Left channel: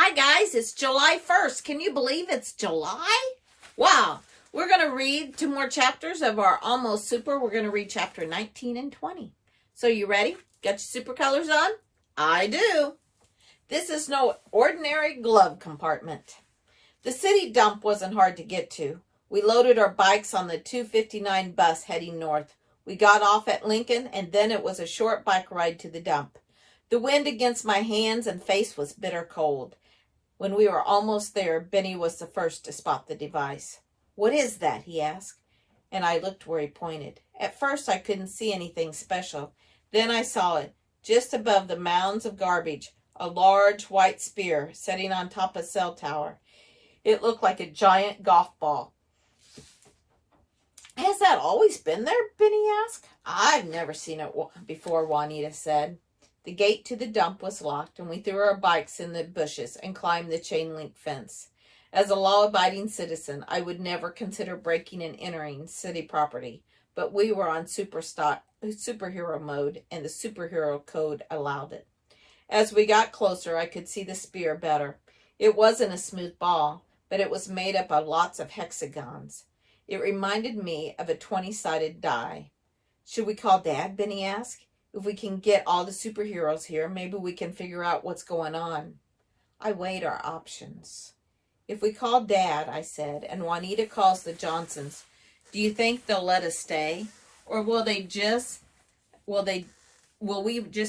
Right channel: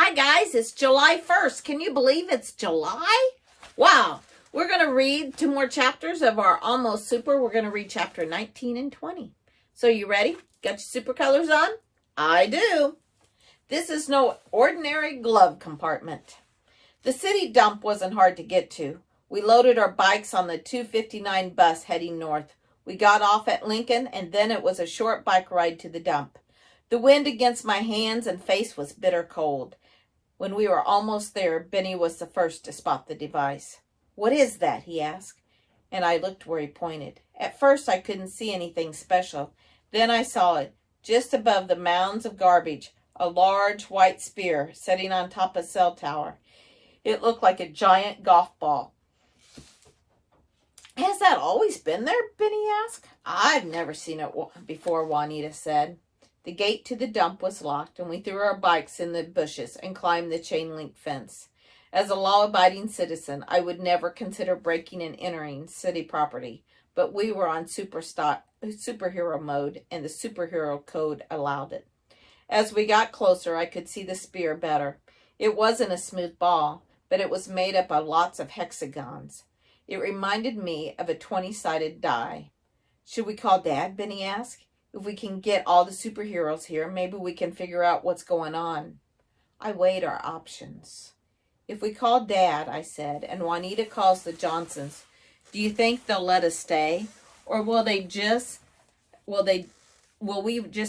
Hi guys, it's July 1st. Can you believe it's July? Wow. We're going to read 2 more chapters of our Almost Super. We're going to read chapter 19 and 20. So you ready? Got your super colors on? I do. This is no ordinary glove compartment. The city dump wasn't hard to get to. We loaded our bikes on the 259 bus heading north. We got off at Lincoln, and then it was a short bike ride to the dump. The wind against my hands and face was bitter cold. When we were almost there, Benny was the first to spot the device. "What is that?" he asked, and I looked where he pointed. At first, I couldn't see anything special. Then I saw it, just above the mounds of garbage, a large white spear sitting on top of a cell tower. It looked like a giant golf ball. "Has that always been there?" Benny asked. "I've never seen it before," Juanita said. The gate to the dump was locked, and we threw our bikes in the bushes and climbed the chain-link fence. As a law-abiding citizen, I would never consider breaking and entering city property, but we were on superhero mode, and the superhero code allowed it. As we got closer, I could see the spear better. It wasn't a smooth ball, but it was made up of lots of hexagons. It reminded me of a 20-sided die. "Should we call Dad?" Benny asked. "If we can get all the superheroes here, maybe we can figure out what's going on." I weighed our options. "If we call Dad," I said, "and Juanita calls the Johnsons, do you think they'll let us stay? Or will we just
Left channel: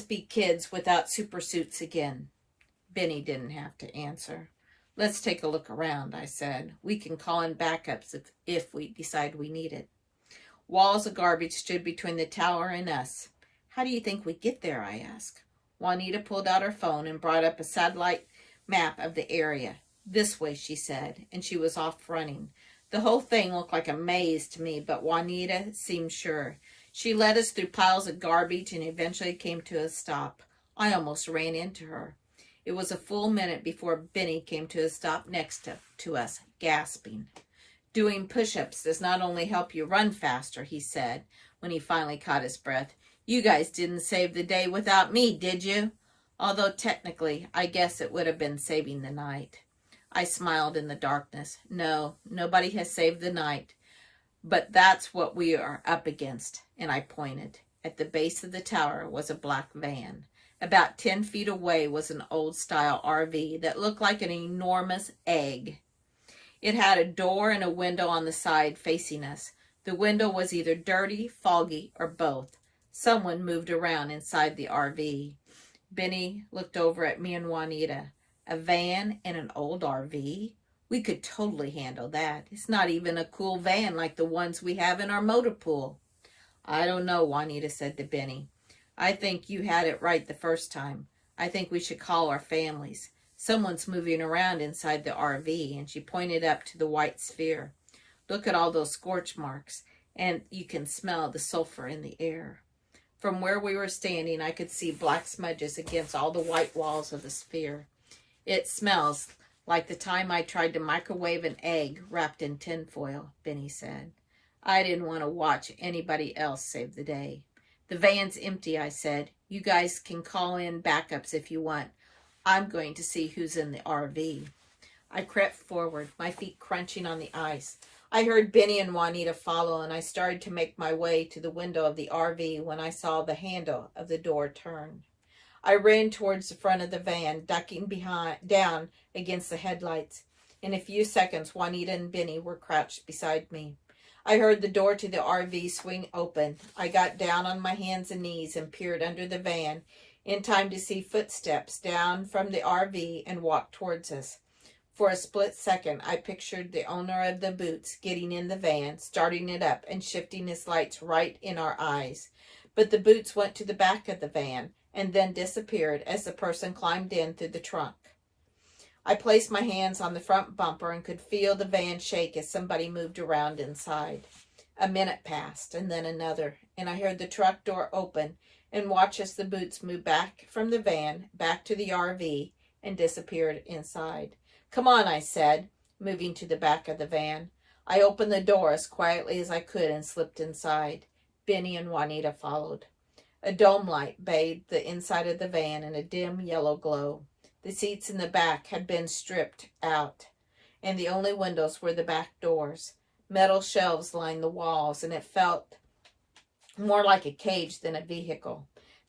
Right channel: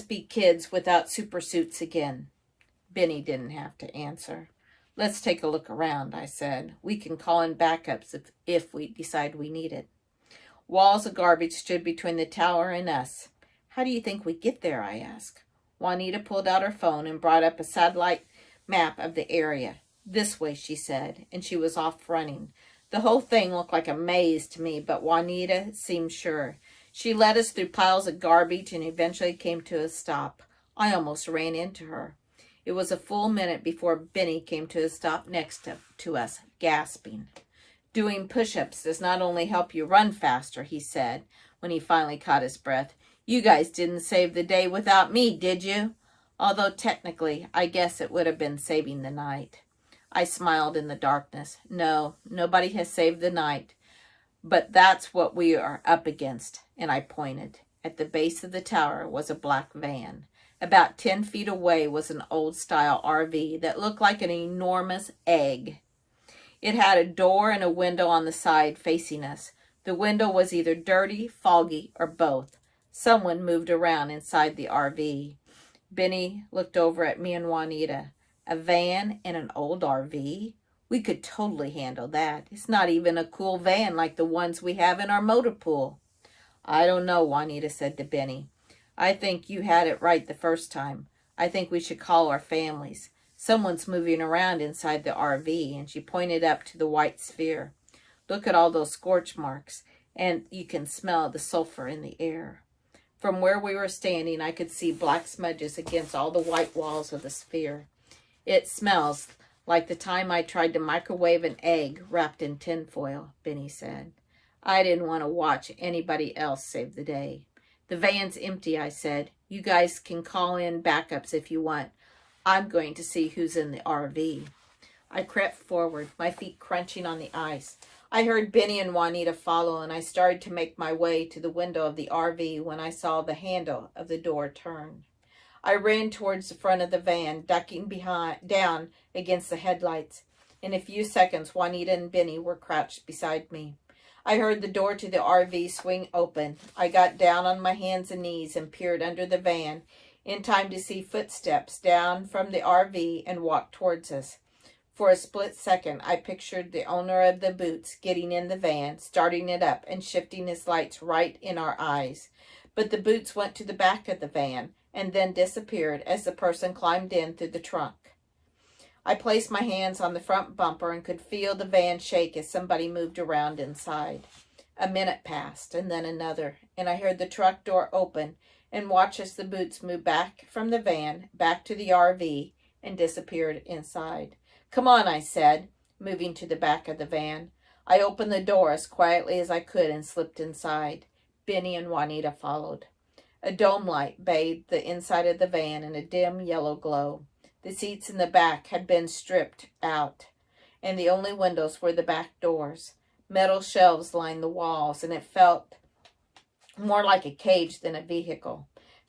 be kids without super suits again?" Benny didn't have to answer. "Let's take a look around," I said. "We can call in backups if we decide we need it." Walls of garbage stood between the tower and us. "How do you think we get there?" I asked. Juanita pulled out her phone and brought up a satellite map of the area. "This way," she said, and she was off running. The whole thing looked like a maze to me, but Juanita seemed sure. She led us through piles of garbage and eventually came to a stop. I almost ran into her. It was a full minute before Benny came to a stop next to us, gasping. "Doing push-ups does not only help you run faster," he said when he finally caught his breath. "You guys didn't save the day without me, did you?" Although technically, I guess it would have been saving the night. I smiled in the darkness. "No, nobody has saved the night. But that's what we are up against," and I pointed. At the base of the tower was a black van. About 10 feet away was an old-style RV that looked like an enormous egg. It had a door and a window on the side facing us. The window was either dirty, foggy, or both. Someone moved around inside the RV. Benny looked over at me and Juanita. "A van and an old RV? We could totally handle that. It's not even a cool van like the ones we have in our motor pool." "I don't know," Juanita said to Benny. "I think you had it right the first time. I think we should call our families. Someone's moving around inside the RV," and she pointed up to the white sphere. "Look at all those scorch marks, and you can smell the sulfur in the air." From where we were standing, I could see black smudges against all the white walls of the sphere. "It smells like the time I tried to microwave an egg wrapped in tinfoil," Benny said. I didn't want to watch anybody else save the day. "The van's empty," I said. "You guys can call in backups if you want. I'm going to see who's in the RV." I crept forward, my feet crunching on the ice. I heard Benny and Juanita follow, and I started to make my way to the window of the RV when I saw the handle of the door turn. I ran towards the front of the van, ducking down against the headlights. In a few seconds, Juanita and Benny were crouched beside me. I heard the door to the RV swing open. I got down on my hands and knees and peered under the van, in time to see footsteps down from the RV and walk towards us. For a split second, I pictured the owner of the boots getting in the van, starting it up, and shifting his lights right in our eyes. But the boots went to the back of the van and then disappeared as the person climbed in through the trunk. I placed my hands on the front bumper and could feel the van shake as somebody moved around inside. A minute passed, and then another, and I heard the truck door open and watched as the boots moved back from the van, back to the RV, and disappeared inside. "Come on," I said, moving to the back of the van. I opened the door as quietly as I could and slipped inside. Benny and Juanita followed. A dome light bathed the inside of the van in a dim yellow glow. The seats in the back had been stripped out, and the only windows were the back doors. Metal shelves lined the walls, and it felt more like a cage than a vehicle.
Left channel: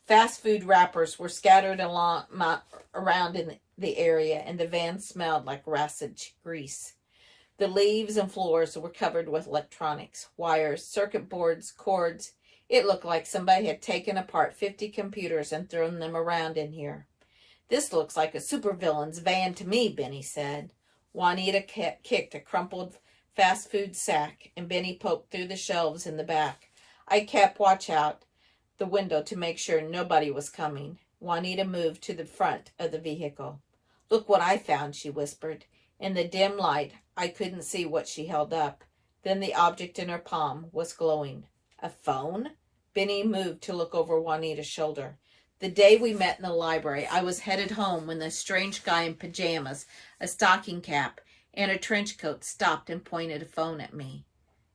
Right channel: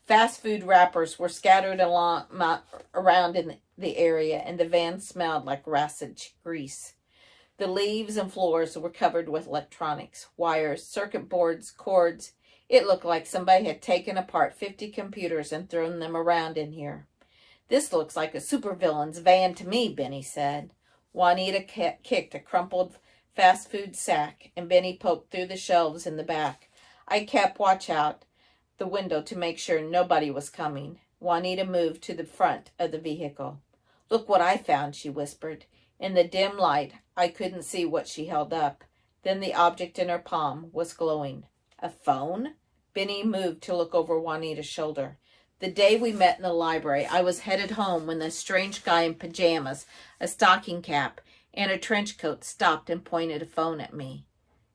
Fast food wrappers were scattered around in the area, and the van smelled like rancid grease. The leaves and floors were covered with electronics, wires, circuit boards, cords. It looked like somebody had taken apart 50 computers and thrown them around in here. This looks like a supervillain's van to me, Benny said. Juanita kicked a crumpled fast food sack, and Benny poked through the shelves in the back. I kept watch out the window to make sure nobody was coming. Juanita moved to the front of the vehicle. Look what I found, she whispered. In the dim light, I couldn't see what she held up. Then the object in her palm was glowing. A phone? Benny moved to look over Juanita's shoulder. The day we met in the library, I was headed home when the strange guy in pajamas, a stocking cap, and a trench coat stopped and pointed a phone at me.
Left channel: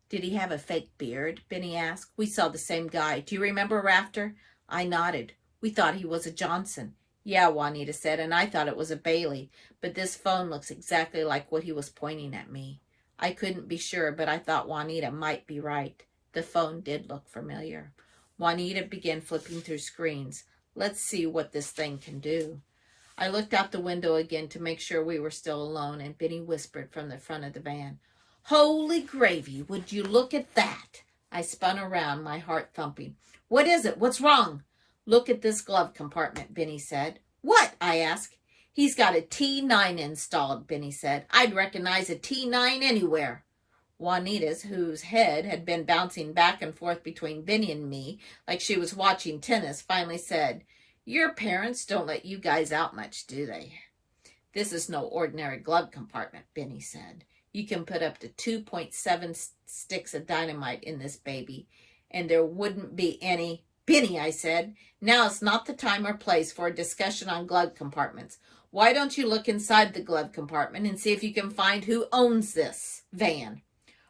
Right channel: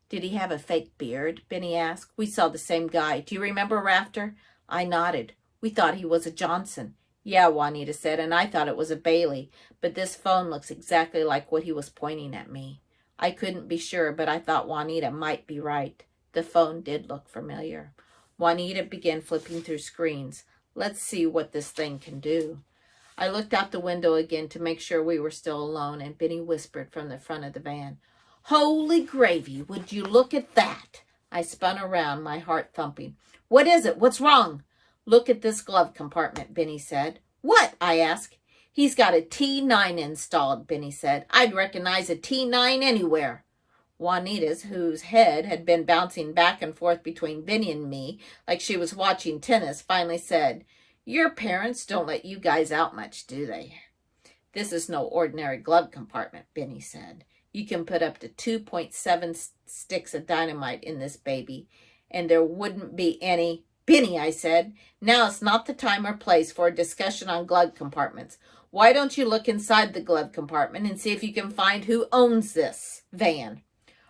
Did he have a fake beard? Benny asked. We saw the same guy. Do you remember Rafter? I nodded. We thought he was a Johnson. Yeah, Juanita said, and I thought it was a Bailey, but this phone looks exactly like what he was pointing at me. I couldn't be sure, but I thought Juanita might be right. The phone did look familiar. Juanita began flipping through screens. Let's see what this thing can do. I looked out the window again to make sure we were still alone, and Benny whispered from the front of the van, Holy gravy, would you look at that? I spun around, my heart thumping. What is it? What's wrong? Look at this glove compartment, Benny said. What? I asked. He's got a T9 installed, Benny said. I'd recognize a T9 anywhere. Juanita's, whose head had been bouncing back and forth between Benny and me like she was watching tennis, finally said, Your parents don't let you guys out much, do they? This is no ordinary glove compartment, Benny said. You can put up to 2.7 sticks of dynamite in this baby, and there wouldn't be any. Benny, I said, now is not the time or place for a discussion on glove compartments. Why don't you look inside the glove compartment and see if you can find who owns this van?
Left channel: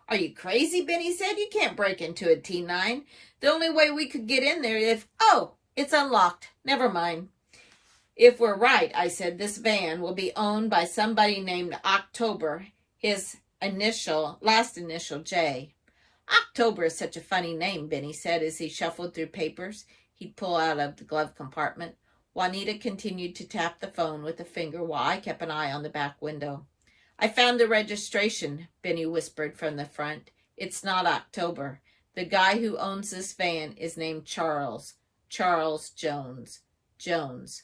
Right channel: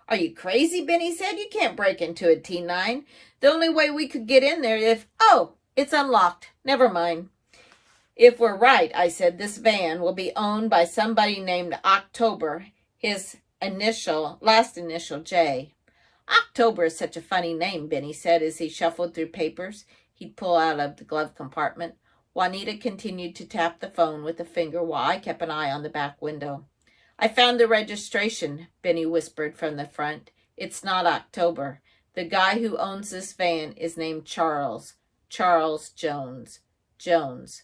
Are you crazy? Benny said. You can't break into a T9. The only way we could get in there is, it's unlocked. Never mind. If we're right, I said, this van will be owned by somebody named October, his last initial J. October is such a funny name, Benny said as he shuffled through papers he'd pull out of the glove compartment. Juanita continued to tap the phone with a finger while I kept an eye on the back window. I found the registration, Benny whispered from the front. It's not October. The guy who owns this van is named Charles. Charles Jones. Jones.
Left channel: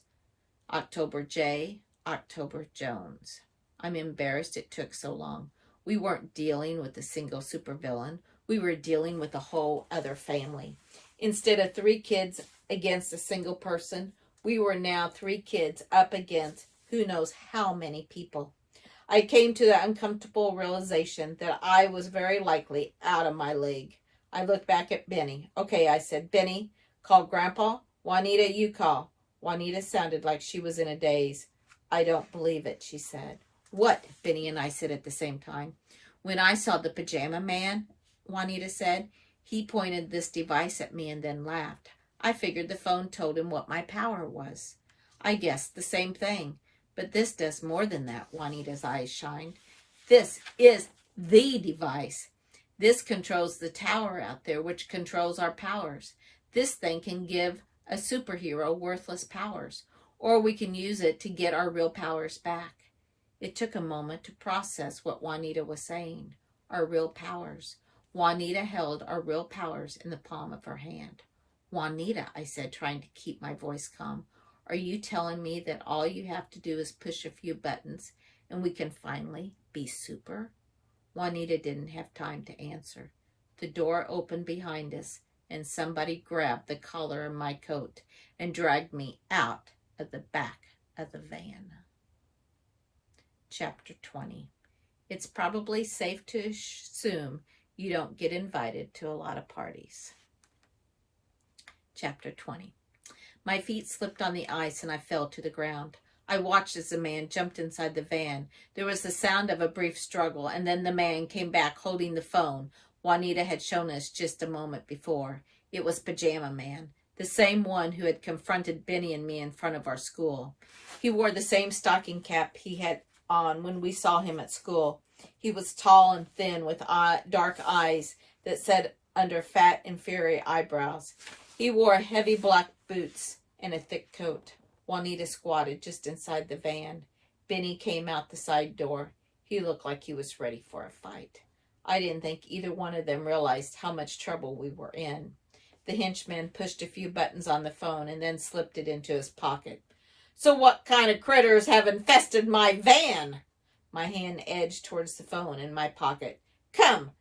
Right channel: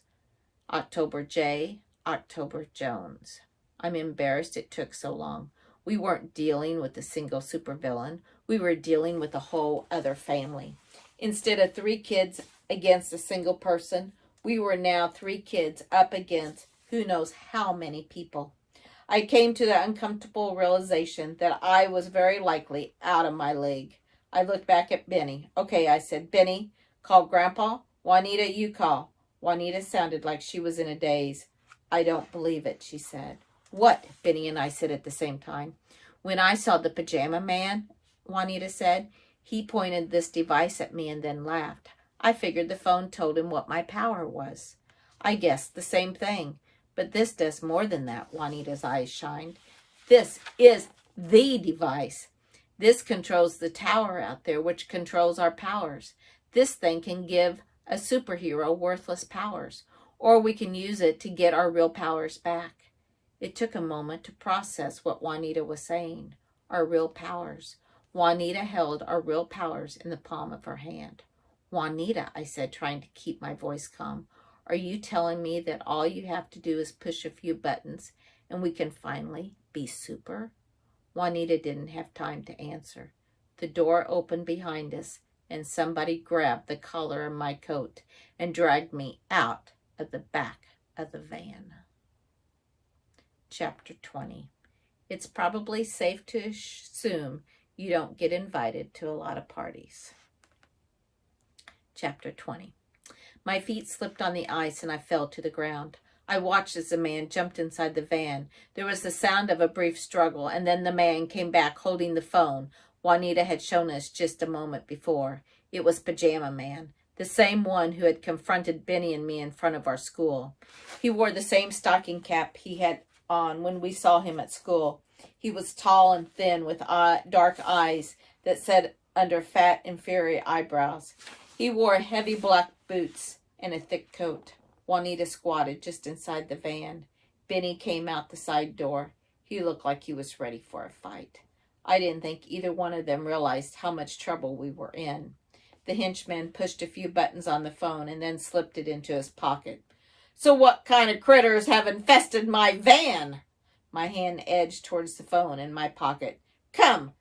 October J. October Jones. I'm embarrassed it took so long. We weren't dealing with a single supervillain. We were dealing with a whole other family. Instead of 3 kids against a single person, we were now 3 kids up against who knows how many people. I came to the uncomfortable realization that I was very likely out of my league. I looked back at Benny. Okay, I said, Benny, call Grandpa. Juanita, you call. Juanita sounded like she was in a daze. I don't believe it, she said. What? Benny and I said at the same time. When I saw the pajama man, Juanita said, he pointed this device at me and then laughed. I figured the phone told him what my power was. I guessed the same thing. But this does more than that, Juanita's eyes shined. This is the device. This controls the tower out there, which controls our powers. This thing can give a superhero worthless powers, or we can use it to get our real powers back. It took a moment to process what Juanita was saying. Our real powers. Juanita held our real powers in the palm of her hand. Juanita, I said, trying to keep my voice calm, are you telling me that all you have to do is push a few buttons and we can finally be super? Juanita didn't have time to answer. The door opened behind us and somebody grabbed the collar of my coat and dragged me out of the back of the van. Chapter 20. It's probably safe to assume you don't get invited to a lot of parties. Chapter 20. My feet slipped on the ice and I fell to the ground. I watched as the man jumped inside the van. There was the sound of a brief struggle, and then the man came back holding the phone Juanita had shown us just a moment before. It was Pajama Man. the same one who had confronted Benny and me in front of our school. He wore the same stocking cap he had on when we saw him at school. He was tall and thin with dark eyes that set under fat, inferior eyebrows. He wore heavy black boots and a thick coat. Juanita squatted just inside the van. Benny came out the side door. He looked like he was ready for a fight. I didn't think either one of them realized how much trouble we were in. The henchman pushed a few buttons on the phone and then slipped it into his pocket. "So what kind of critters have infested my van?" My hand edged towards the phone in my pocket. Come,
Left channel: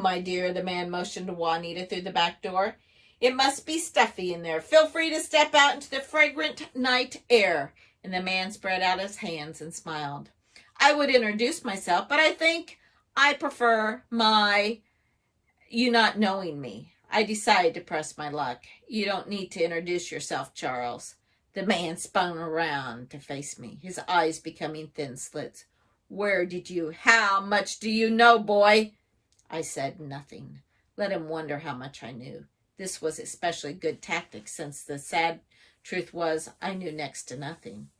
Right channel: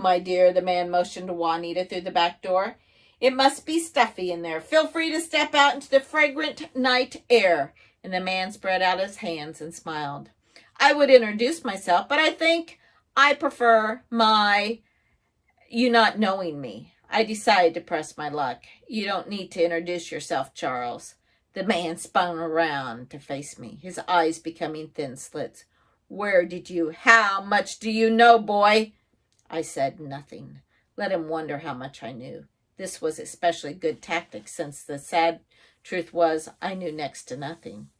my dear," the man motioned to Juanita through the back door. "It must be stuffy in there. Feel free to step out into the fragrant night air." And the man spread out his hands and smiled. "I would introduce myself, but I think I prefer you not knowing me. I decided to press my luck. You don't need to introduce yourself, Charles." The man spun around to face me, his eyes becoming thin slits. How much do you know, boy?" I said nothing. Let him wonder how much I knew. This was especially good tactic, since the sad truth was I knew next to nothing.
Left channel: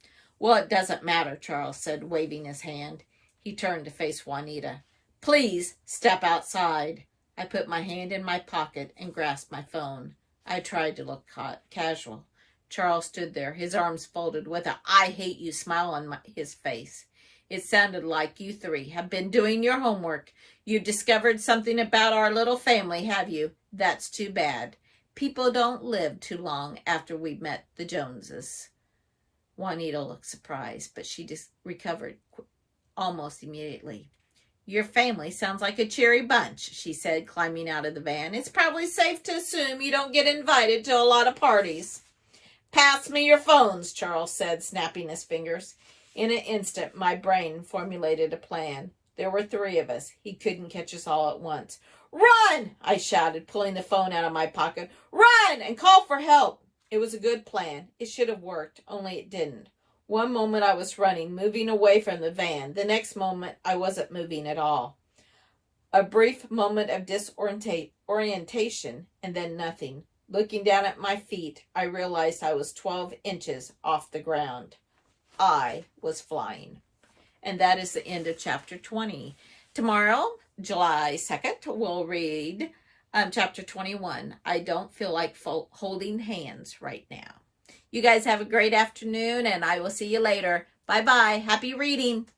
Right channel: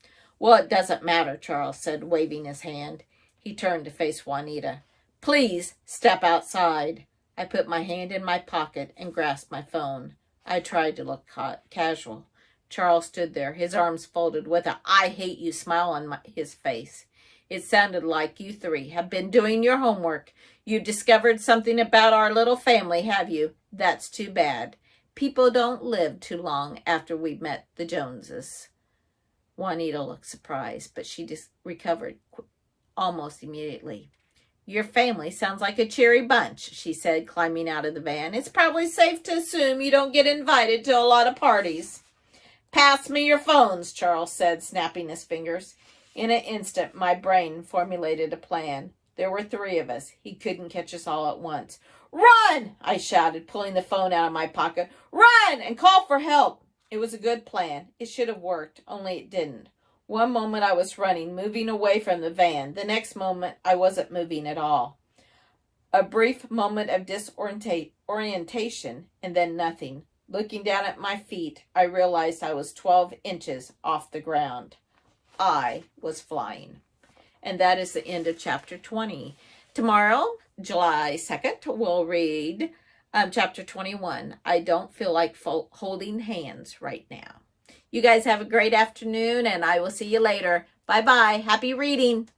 "Well, it doesn't matter," Charles said, waving his hand. He turned to face Juanita. "Please step outside." I put my hand in my pocket and grasped my phone. I tried to look casual. Charles stood there, his arms folded, with a "I hate you" smile on his face. "It sounded like you three have been doing your homework. You've discovered something about our little family, have you? That's too bad. People don't live too long after we've met the Joneses." Juanita looked surprised, but she just recovered almost immediately. "Your family sounds like a cheery bunch," she said, climbing out of the van. "It's probably safe to assume you don't get invited to a lot of parties." "Pass me your phones," Charles said, snapping his fingers. In an instant, my brain formulated a plan. There were three of us. He couldn't catch us all at once. "Run!" I shouted, pulling the phone out of my pocket. "Run and call for help!" It was a good plan. It should have worked, only it didn't. One moment I was running, moving away from the van. The next moment, I wasn't moving at all. A brief moment of disorientation, and then nothing. Looking down at my feet, I realized I was 12 inches off the ground. I was flying. And that is the end of chapter 20. Tomorrow, July 2nd, we'll read chapter 21. I don't feel like holding hands right now. You guys have a great afternoon, and I will see you later. Bye-bye. Happy reading.